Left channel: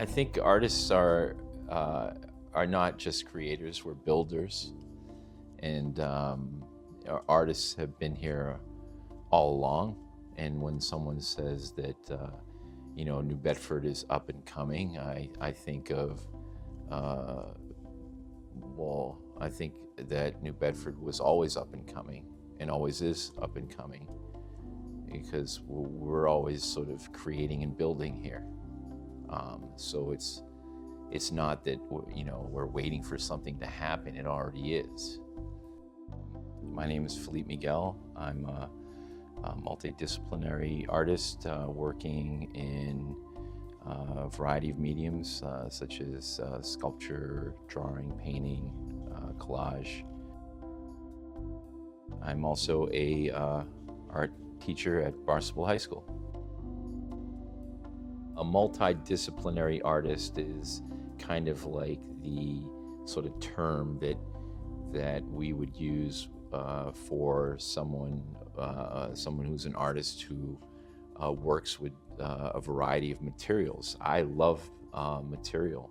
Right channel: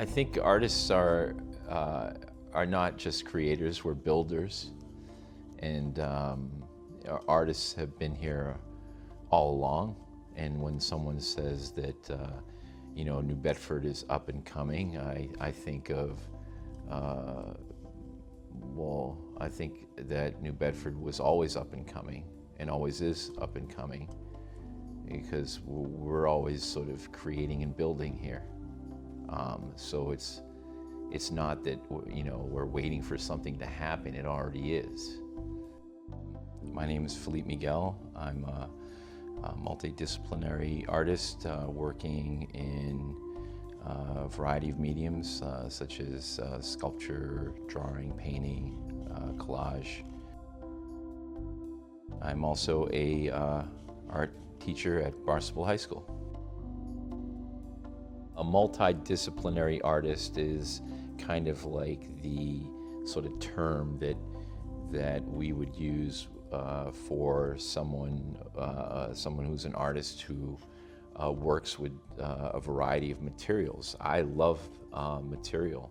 I think artists are not just creators, we're builders. And our artists have been here all along. And when someone says that, New Bedford is up and coming, I think of, I think that New Bedford was always up and coming and always is up and coming because we're always sort of creating and building here. So it's not that we're waiting for something to happen, it already is. My name is Filipe Miguel. I'm a multidisciplinary artist working in a variety of mediums such as sculpture, drawing, painting, collage. I'm also a art teacher at Barnstable High School. A multidisciplinary artist is kind of like the sort of term that we would use for someone who's an artist who works with a variety of materials. I love material.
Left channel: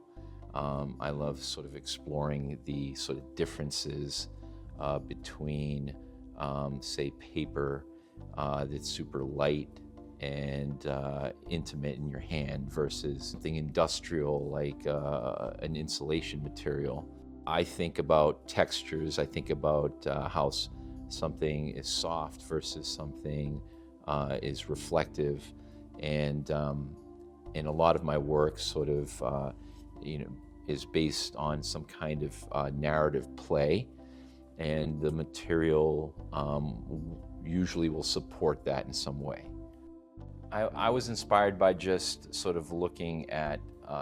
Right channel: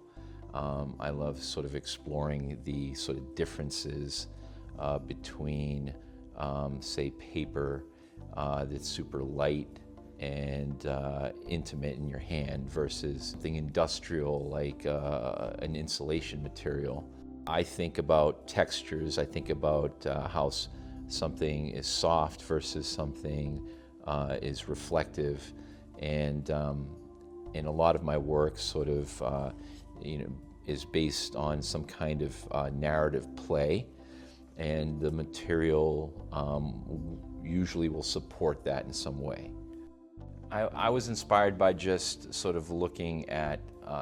I love sort of exploring the sort of differences between, say, paper that's super light and intimate in your hand versus something industrial like an insulation material. I think about textures. I think about how something is soft versus something is reflective, and a lot of my work sort of is based on some kind of narrative play, and the material usually will support that in some way. I was inspired by just sort of looking at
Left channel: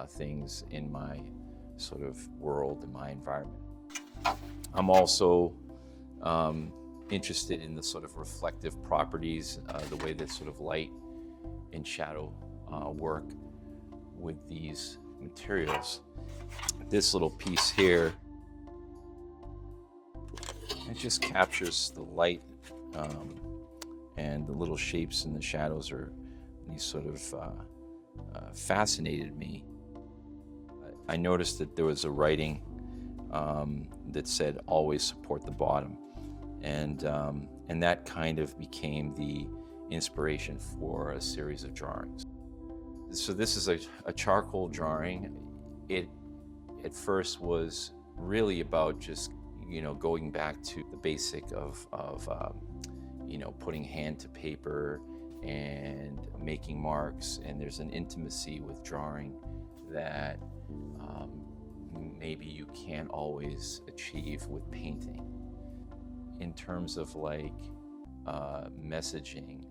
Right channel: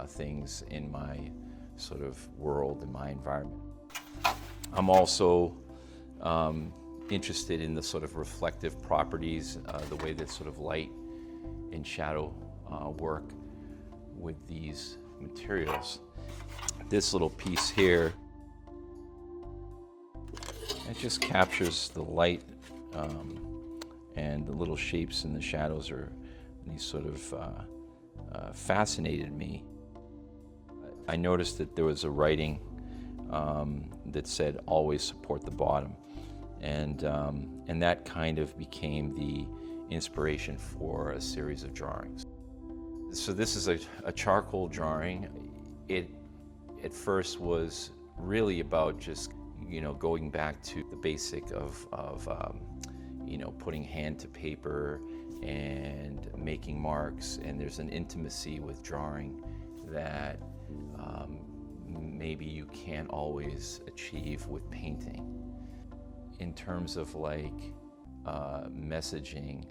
things in my sort of world and my environment. I'm also interested in the sort of reflective properties, the way that sort of light and shadow work with these materials. This little piece here, it just captures the light and the little shapes and the shadows are these sort of fascinated me. I noticed that there was a writing that said always support the bottom, and that kind of became the inspiration for a series of drawings. So this is a charcoal drawing. It at first was really about just going back to the basic of putting hand to paper and making marks, and there's an intimacy with drawing that maybe you can't always achieve with painting. In terms of like messaging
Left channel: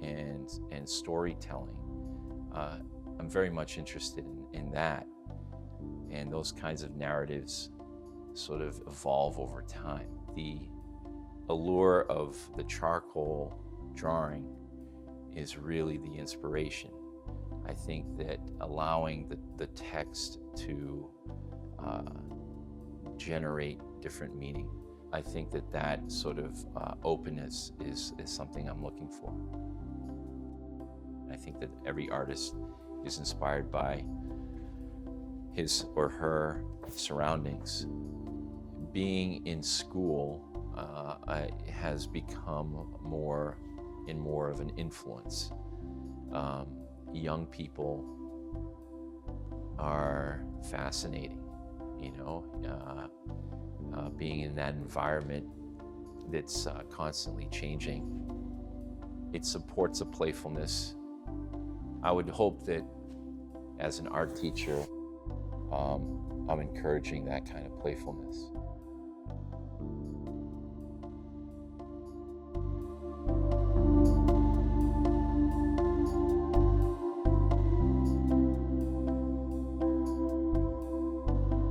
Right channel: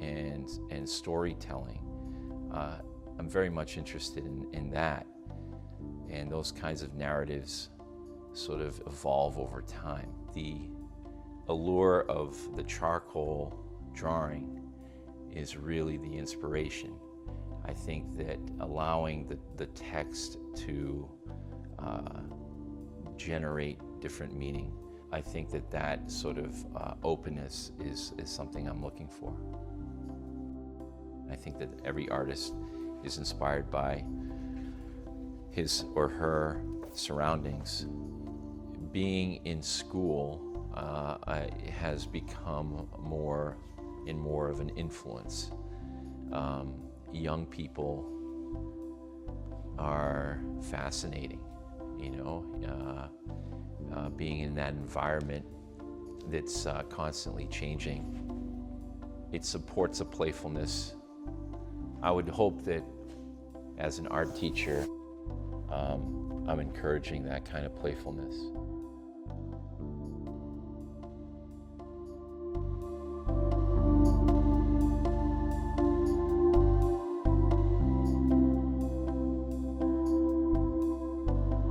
and storytelling, I'm very much interested in that, and those kinds of narratives sort of evolve over time. The allure of the charcoal drawing is really the inspiration. I think that allowing the text to generate different meaning, I think that sort of openness is something I'm looking for. I think that every artist is inspired by his or her surroundings. Being in school has become more and more of an influence. Young people are fascinating, being in that environment that's constantly changing. It supports a playfulness. I would hope that as an art teacher, I'm encouraging that kind of playfulness.